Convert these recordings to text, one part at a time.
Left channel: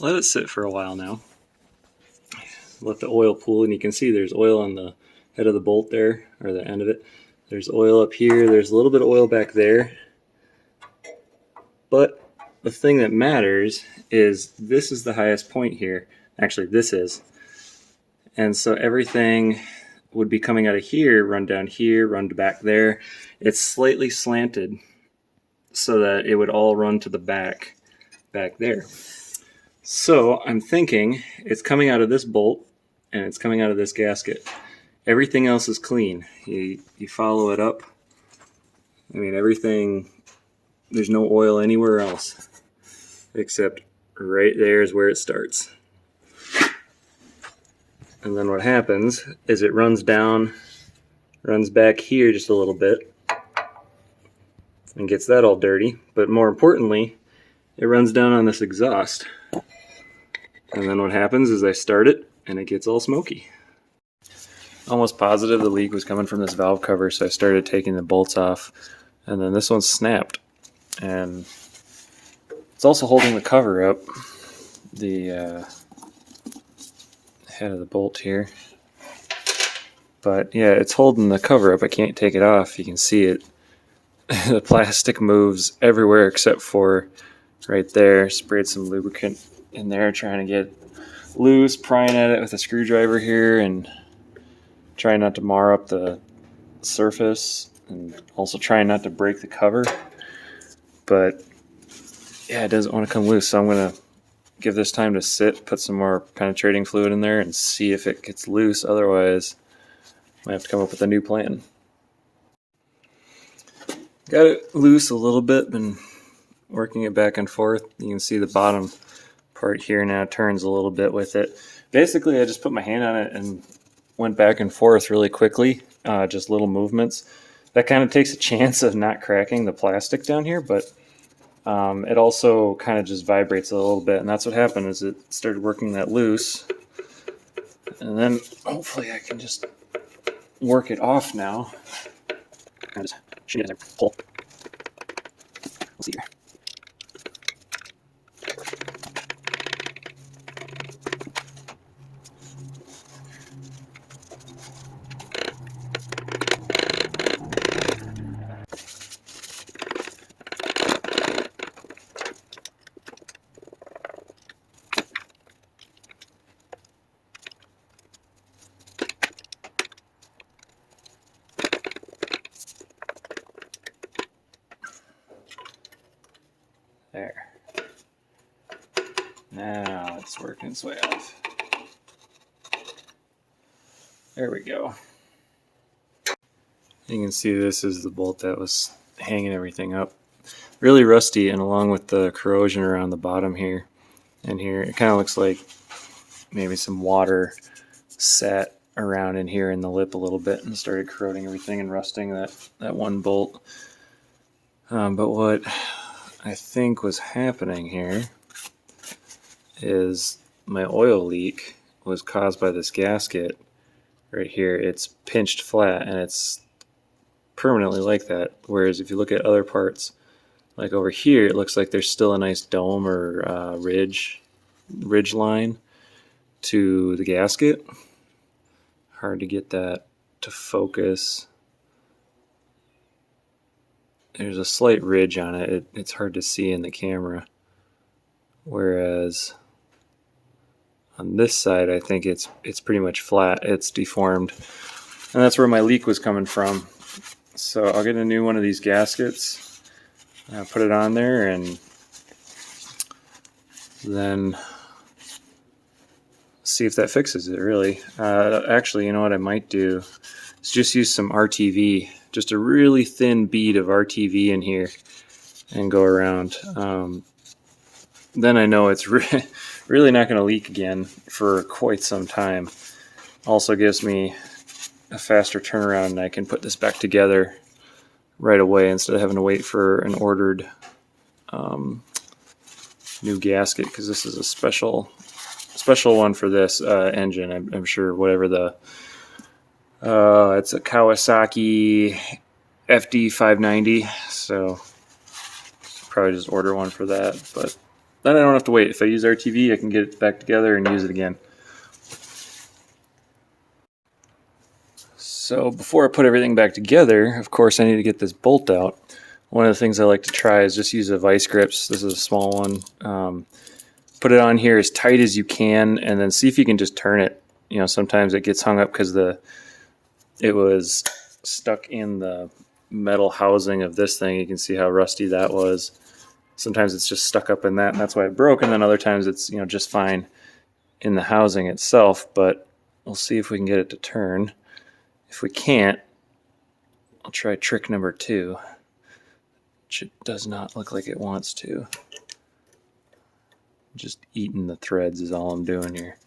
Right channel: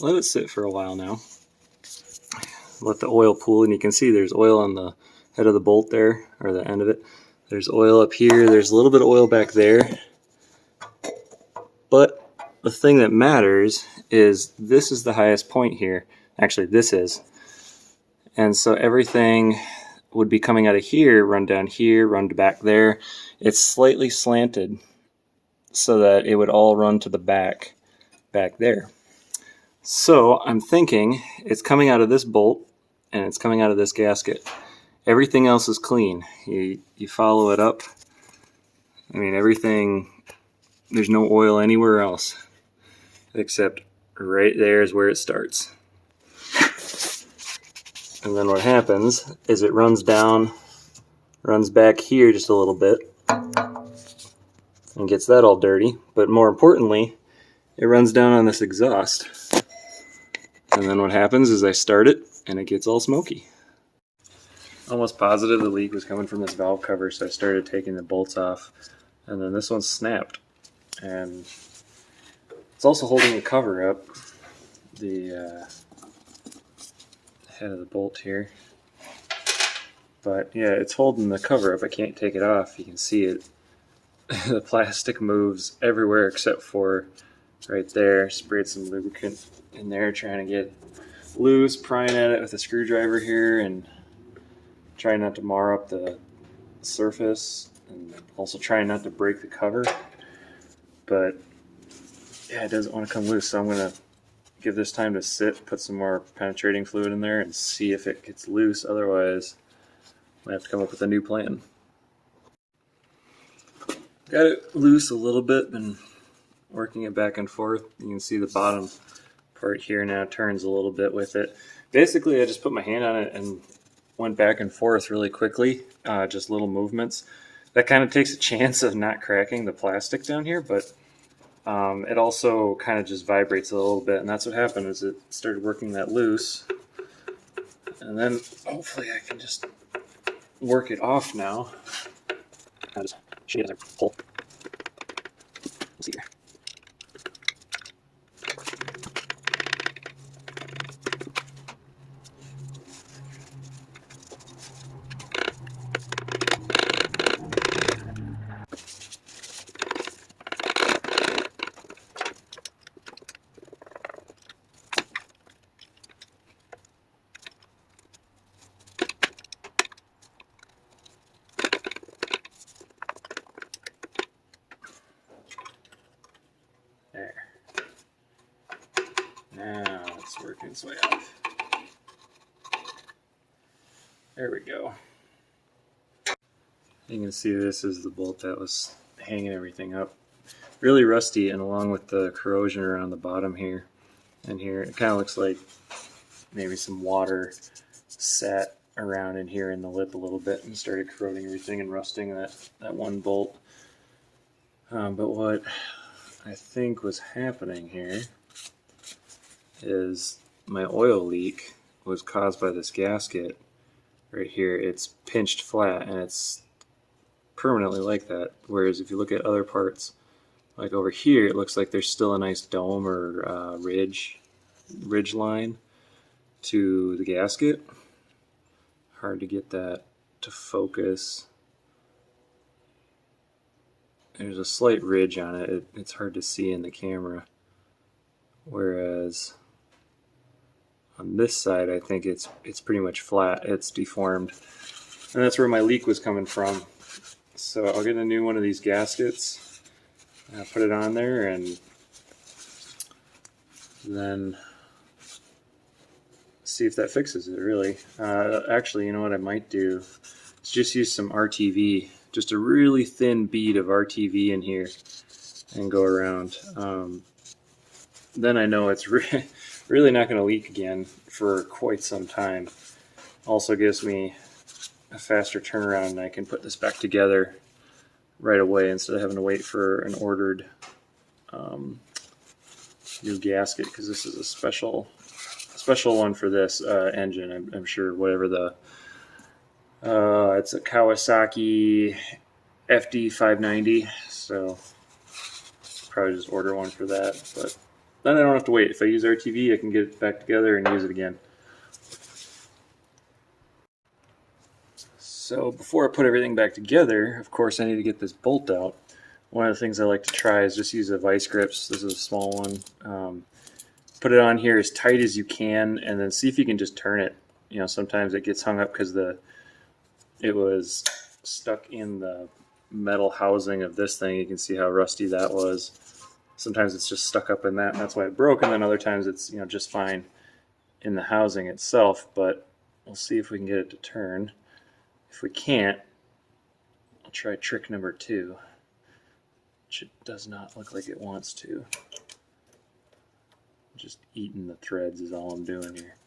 let it sit for a while now. Let the oil pool, and you can see there's oil on the head of the bolt there, or the end of it. There's oil up here, there's a little bit of oil back there. But the thing that matters is this is the highest point here. Actually, this is. And so everything would be coming out of here, run down here, run back there. It's slightly slanted so that it would all run to the back there. So I'm thinking it's coming out of this bolt and it's coming out of this gasket. Everything else is clean. You follow it up. I mean, everything, there's no oil anywhere else except right there is where it starts. And then what happens is it runs down, runs back here just a little bit and gets that all dirty. But more importantly, it runs down on this exhaust. And then what happens is I start it and it gets all smoky. Almost positive the leak was coming from this valve cover, so I started taking the bolts off, and then this one snapped. And it's also holding the cover up, the head of the bolt here. But yeah, it's holding the cover up. I can't take it off. You can see it. The plastic moves everywhere except for right there. Sprayed some lubricant in there trying to get loose, prying at it with a screwdriver here and trying not to mar up the surface, and also trying not to break the cover. But yeah, it doesn't want to come loose, so I'm going to give this time to sit, put some more penetrating fluid in there and see if it gets loose. Otherwise, I have to come up with a new plan. Got it loose a little bit, been working it back and forth. You can see the bottom part here now turns a little bit with it. Basically, I just put my hand on it and went back and forth really quickly, just little movements. That kind of takes a chance of not cracking the plastic down here, but it also kind of just vibrates a little bit, and that's what happened is it started working that loose. And then hopefully I can just work it off now. I'll just shoot it as I pull. We'll see here. There. Now it's working its way off. There we go. You can see this is the bolt that was hanging everything up. Really rusty, and along with the corrosion around the bottom here and here, it kind of looks like maybe some water sat around in here in the lip a little bit and started corroding everything and rusting that one bolt. But what I think was happening here is my oil leak was caused by this gasket right here. It's pinched flat and it's permanently like that, whereas if you look at other parts like over here, it looks like there's still a nice dome or ridge line to the gasket. Hard to get that to focus. There's a slight ridge on it. It's hard to see in the camera. Whereas on this side, I think it's pretty much flat. It's deformed. And that's where my leak was coming from. So I'll get a new one of these gaskets. I'll put it on there and then see if that fixes it, really. Actually, you know what I might do is just use some RTV, just a really thin bead of RTV in here and go around. Then I know it's really not going to leak again for quite some time. Also gives me a faster turnaround, and I can put this back together right away instead of having to wait for an ordered new gasket, because this is a special one for this engine. I'm sure whatever the it's a Kawasaki FD590, so probably just order one for that. But then I don't have to wait. If I use RTV, I can get it back together and use it again. So before I put everything back together, of course, I need to get this bolt out. One of the things I like to try is just use a vice grips. This is a small one. Put it on here as tight as you can, and then see if you can just turn it. You know, sometimes it gets hung up because it was stuck in the metal housing of this thing. You can see how rusty that was. Sometimes it's just stuck up in that, and that's why it broke. And then other times it's, you know, just fine in the housing itself. But we'll see if we can get it to turn. If we can't, I'll try trick number 2, which it does not look like it wants to. Just eating the threads is all I'm doing here.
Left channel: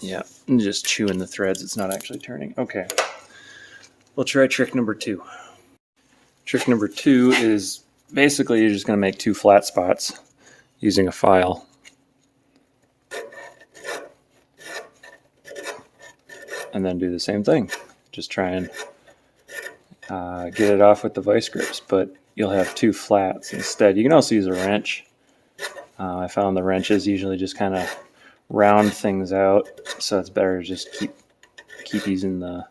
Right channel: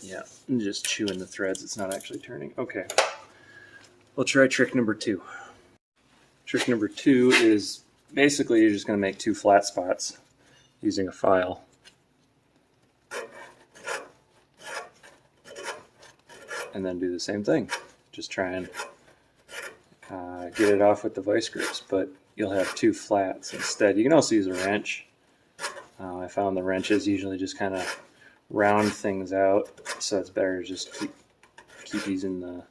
Yeah, I'm just chewing the threads. It's not actually turning. Okay, we'll try trick number 2. Trick number 2 is basically you're just going to make 2 flat spots using a file. And then do the same thing. Just try and get it off with the vice grips, but you'll have 2 flats instead. You can also use a wrench. I found the wrenches usually just kind of round things out, so it's better to just keep using the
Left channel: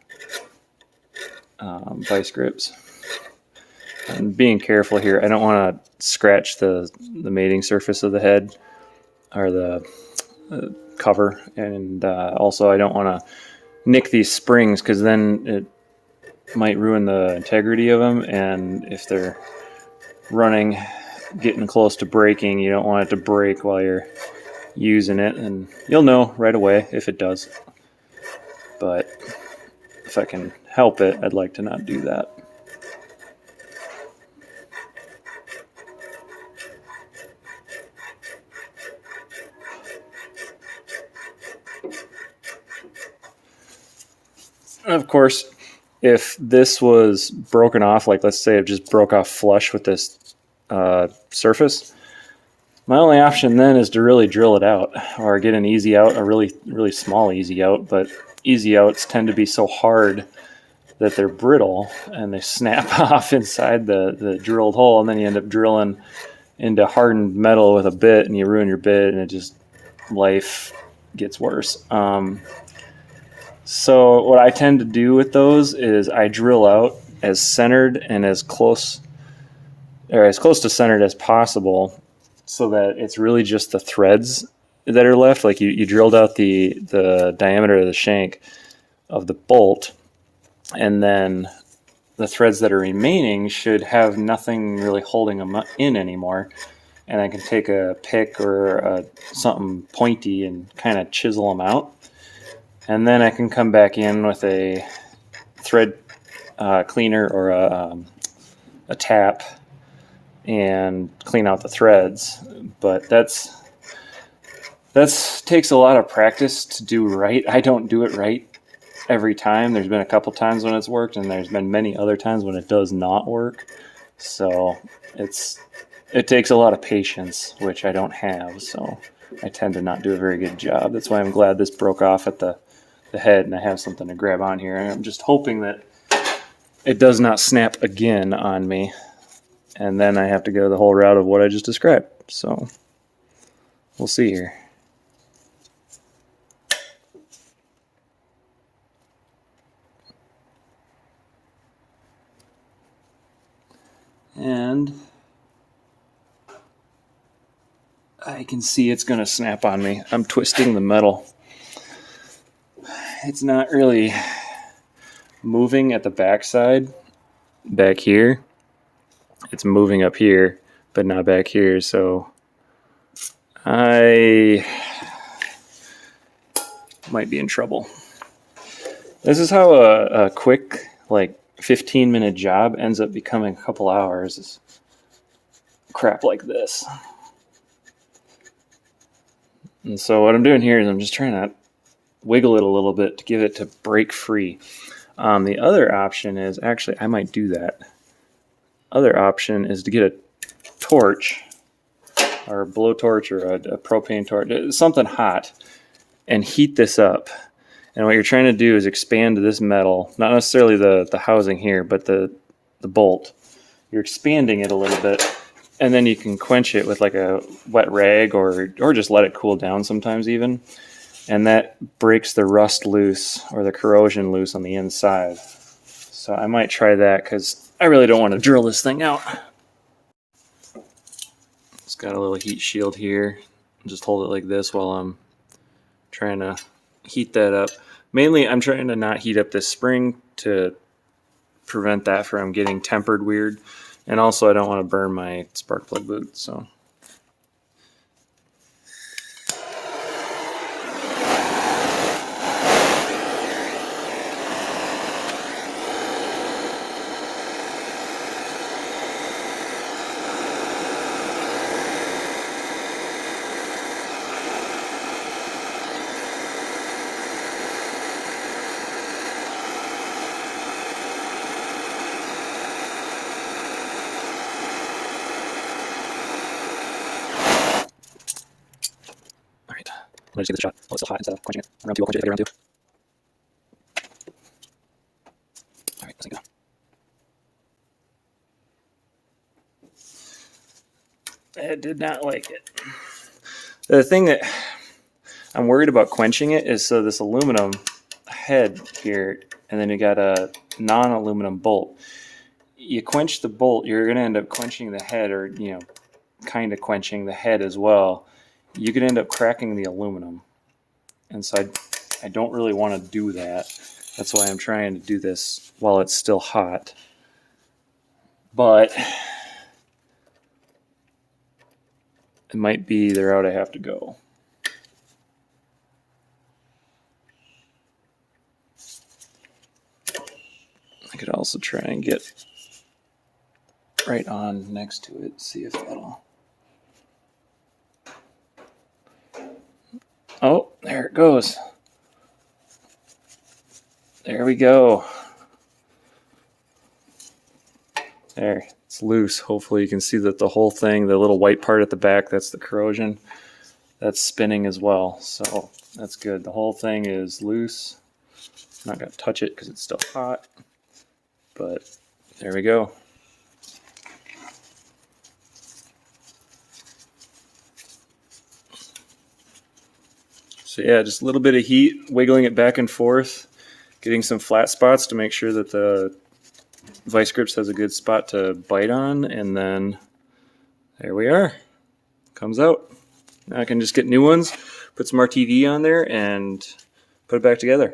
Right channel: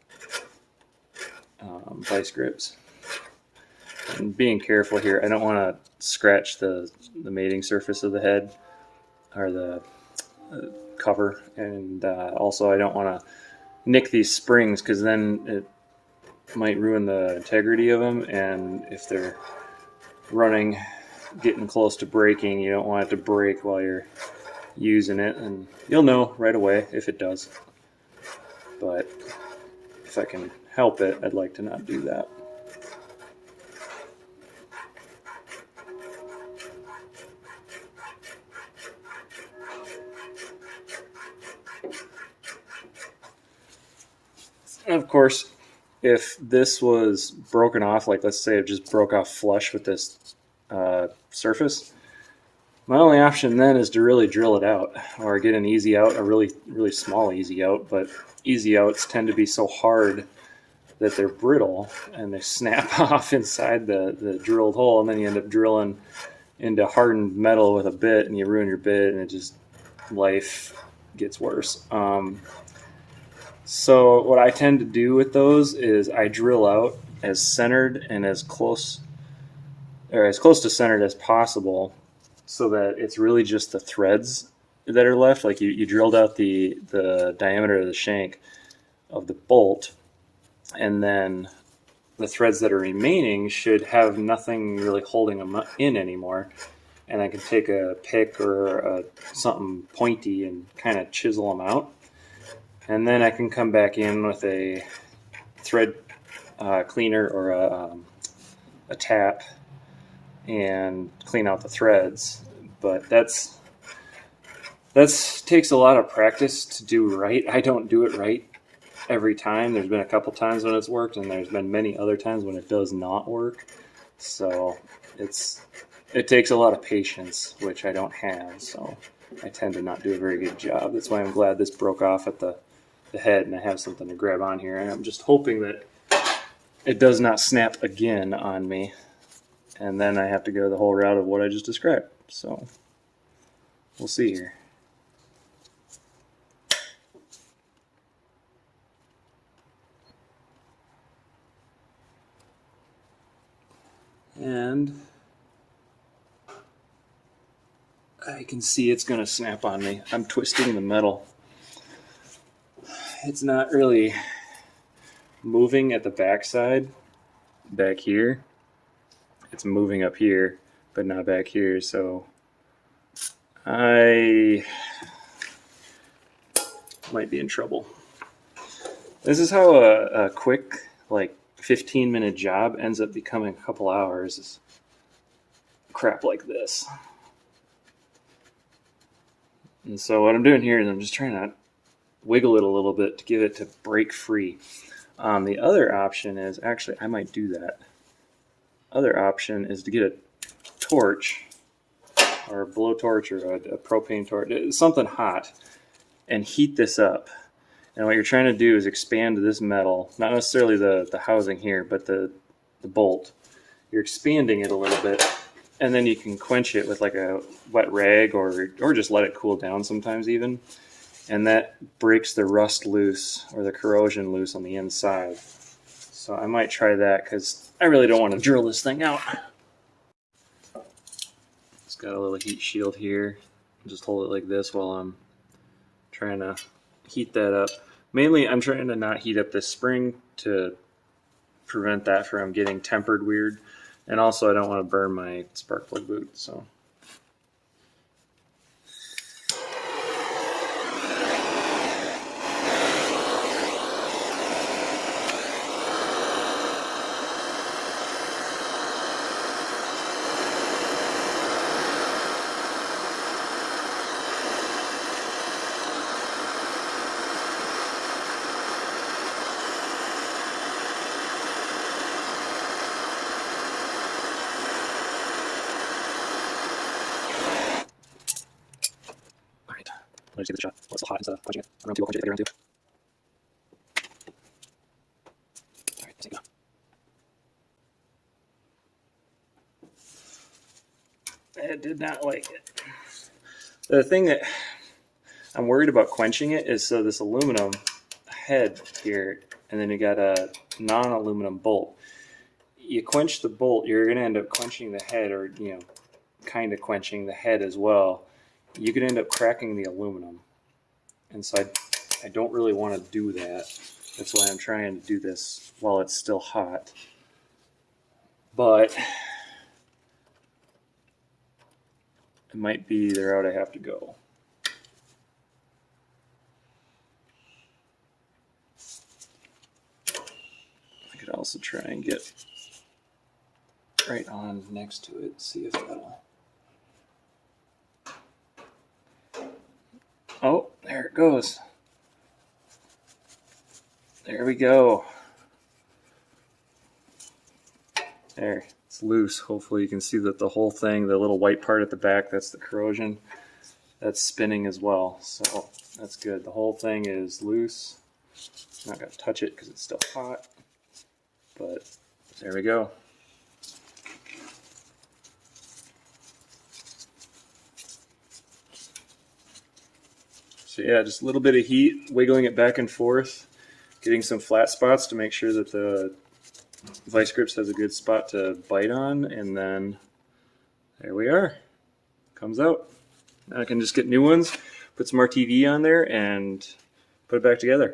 vice grips. And being careful here, I don't want to scratch the mating surface of the head or the cover, and also I don't want to nick these springs because then it might ruin the integrity of them, and if they're running, getting close to breaking, you don't want it to break while you're using it, and you'll know right away if it does. But if I can help it, I'd like to not do that. Of course, if this was broken off, like let's say it just broke off flush with this surface, my only option then is to really drill it out or get an easy out, a really, really small easy out. But easy outs tend to be so hard that they're brittle and they snap off inside the drilled hole, and then you end up drilling into hardened metal with a bit and you ruin your bit, and it just, life gets worse. So what I tend to do with those is I drill out as centered and as close to centered as possible, so that it's really just the threads that are left. Like you drilled out the diameter of the shank of the bolt, and then the threads that are remaining should have nothing really holding them in anymore. And I can take a pick or something pointy and kind of chisel them out. And then I can come back in with a thread cleaner or a tap and clean out the threads. But that's takes a lot of practice to do right. I don't do it right every time. There's been a couple times when it's worked, and there's been many other times when it does not work. So it takes a lot of patience, which I don't have. So I tend to not do a very good job. That's why I'm glad this broke off at the head and I have something to grab on here. And I'm just hoping that it does not snap again on me, and then I have to go the whole route of what I just described. So we'll see here. And I can see it's going to snap on me. I'm twisting the metal. It's not really moving at the backside, back here. It's moving up here, but not back here. So I might be in trouble. This is how a quick, like 15-minute job ends up becoming a couple hours. Is crap like this. And so what I'm doing here is I'm just trying to wiggle it a little bit to get it to break free. The other option is, actually, I might do that. Other option is to get a torch or a blowtorch or a propane torch, something hot, and heat this up. And what you're trying to do is expand this metal, not necessarily the housing here, but the the bolt. You're expanding it a little bit, and then you can quench it with like a wet rag or just let it cool down sometimes even. And that breaks the rust loose or the corrosion loose on the inside. So I might try that because I really don't want to drill this thing out. It's got a little heat shield here. Just hold it like this while I'm trying to heat that up. Mainly I'm trying to not heat up this spring to prevent that from getting tempered weird. And also I don't want to burn my spark plug boot. So I'm going to take this shot while it's still hot instead of quenching it. Around 2, I'll quench it if I get around 2. Alright, let's go. I did not like it. The thing that I'm worried about quenching it is so this aluminum head here, and then you got a non-aluminum bolt. You quench the bolt, you're going to end up quenching the head, or, you know, kind of quenching the head as well. You could end up cracking the aluminum. And so I don't really want to do that. That's why I'm trying to do this while it's still hot. But it might be the route I have to go. I could also try and get right on next to it, see if that'll... Oh, there it goes. There we go. There, it's loose. Hopefully you can see that the whole thing, the little white part at the back, that's the corrosion, that's spinning as well. So that's good. The whole thing is loose. I'm not going to touch it because it's still hot, but there we go. So yeah, just a little bit of heat, wiggling it back and forth, getting some flat spots to make sure that the vice grips has a good spot to bite on, and then there we are. Comes out. Now I can just get new ones, put some RTV on there, and put it back together.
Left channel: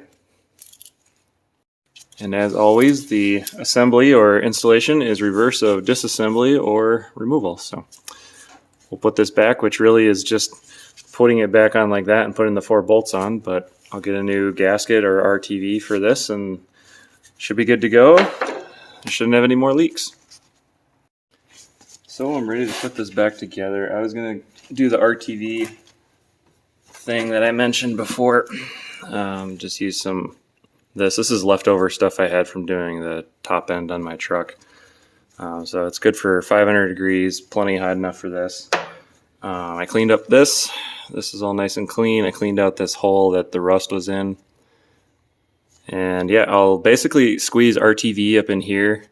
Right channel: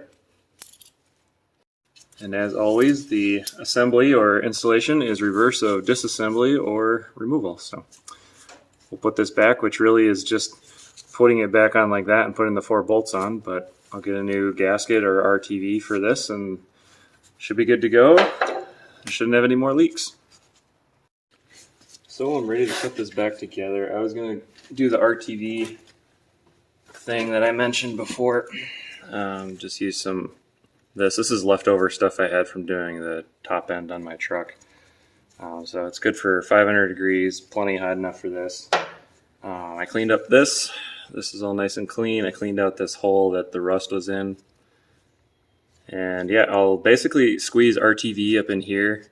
And as always, the assembly or installation is reverse of disassembly or removal. So we'll put this back, which really is just putting it back on like that and putting the 4 bolts on, but I'll get a new gasket or RTV for this and should be good to go. I shouldn't have any more leaks. So I'm ready to put this back together. I was going to do the RTV thing that I mentioned before. Just use some this. This is leftover stuff I had from doing the top end on my truck. So it's good for 500 degrees, plenty hot enough for this. I cleaned up this. This is all nice and clean. I cleaned out this hole that the rust was in. And yeah, I'll basically squeeze RTV up in here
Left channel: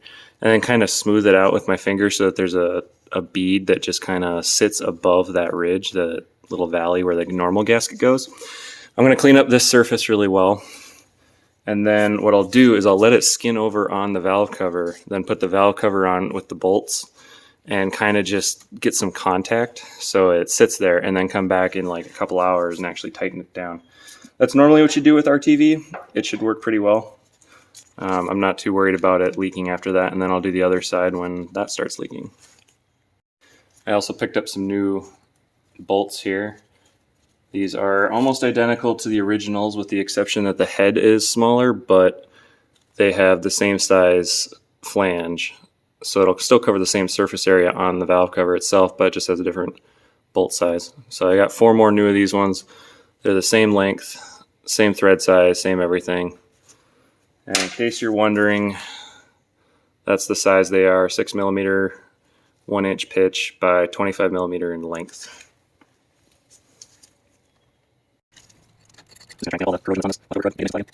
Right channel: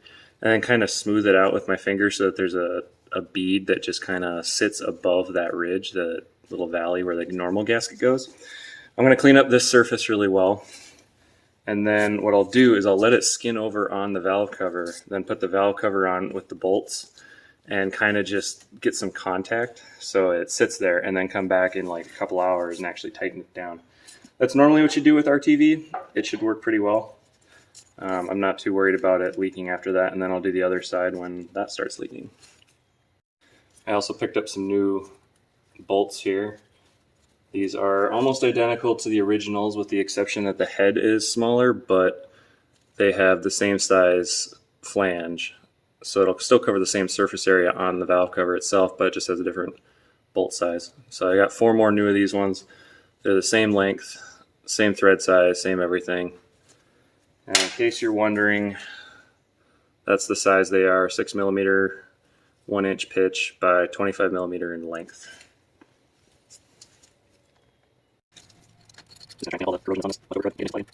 and then kind of smooth it out with my finger so that there's a bead that just kind of sits above that ridge, the little valley where the normal gasket goes. I'm going to clean up this surface really well. And then what I'll do is I'll let it skin over on the valve cover, then put the valve cover on with the bolts and kind of just get some contact so it sits there, and then come back in like a couple hours and actually tighten it down. That's normally what you do with RTV. It should work pretty well. I'm not too worried about it leaking after that, and then I'll do the other side when that starts leaking. I also picked up some new bolts here. These are almost identical to the originals with the exception that the head is smaller, but they have the same size flange. So it'll still cover the same surface area on the valve cover itself, but it just has a different bolt size. So I got 4 more new of these ones. They're the same length, same thread size, same everything. And in case you're wondering, that's the size they are, 6mm, 1-inch pitch by 25mm in length. Just trying to get all the corrosion on this other crud, maybe it's plenty.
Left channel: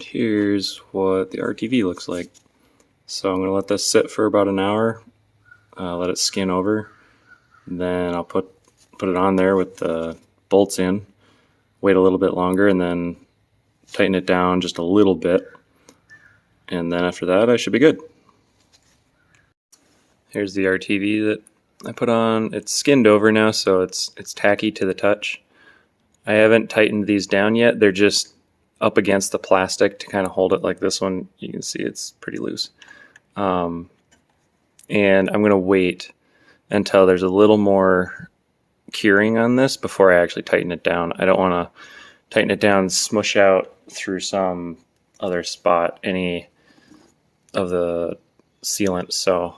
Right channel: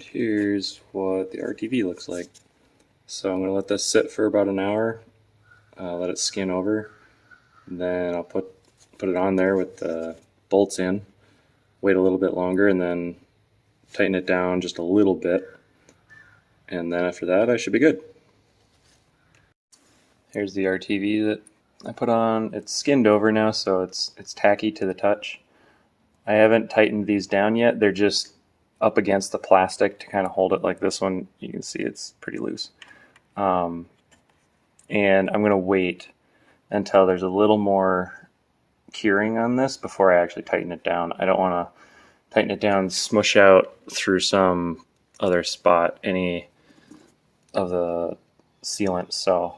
And here's what the RTV looks like. So I'm going to let this sit for about an hour, let it skin over. And then I'll put it on there with the bolts in, wait a little bit longer, and then tighten it down just a little bit. And then after that, I should be good. Here's the RTV that I put on. It's skinned over now, so it's tacky to the touch. I haven't tightened these down yet. They're just up against the plastic to kind of hold it. Like this one, you can see it's pretty loose. And I'm going to wait until there's a little more curing on this before I actually tighten it down. I don't want to tighten it down and smush out through some other spot any of the sealant. So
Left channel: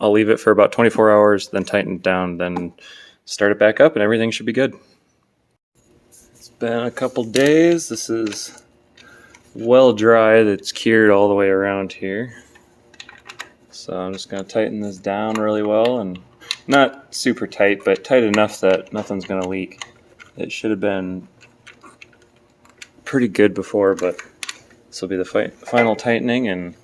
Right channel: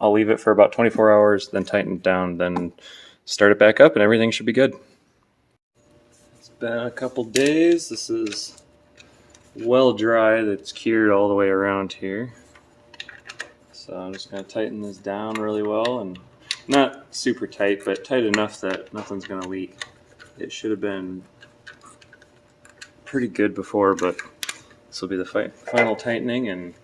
I'll leave it for about 24 hours, then tighten it down, then start it back up, and everything should be good. It's been a couple days. This is well dried. It's cured all the way around here. So I'm just going to tighten this down really well, and not super tight, but tight enough that nothing's going to leak. It should have been pretty good before, but this will be the final tightening, and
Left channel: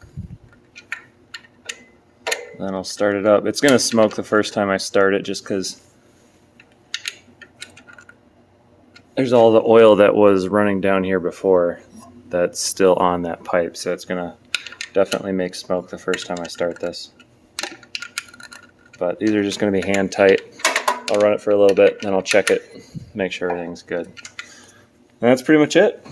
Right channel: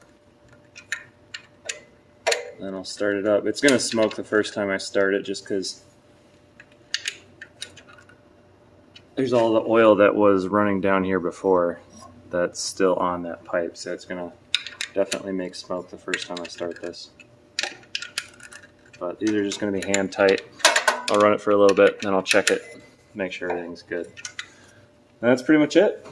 then I'll start it up. It's going to smoke the first time I start it just because there's all the oil that was running down here before that's still on that pipe, so it's going to definitely make smoke the first time I start this. But these are just going to be hand tight. I'll run it for a little bit, then I'll check it, make sure everything's good. And that's pretty much it.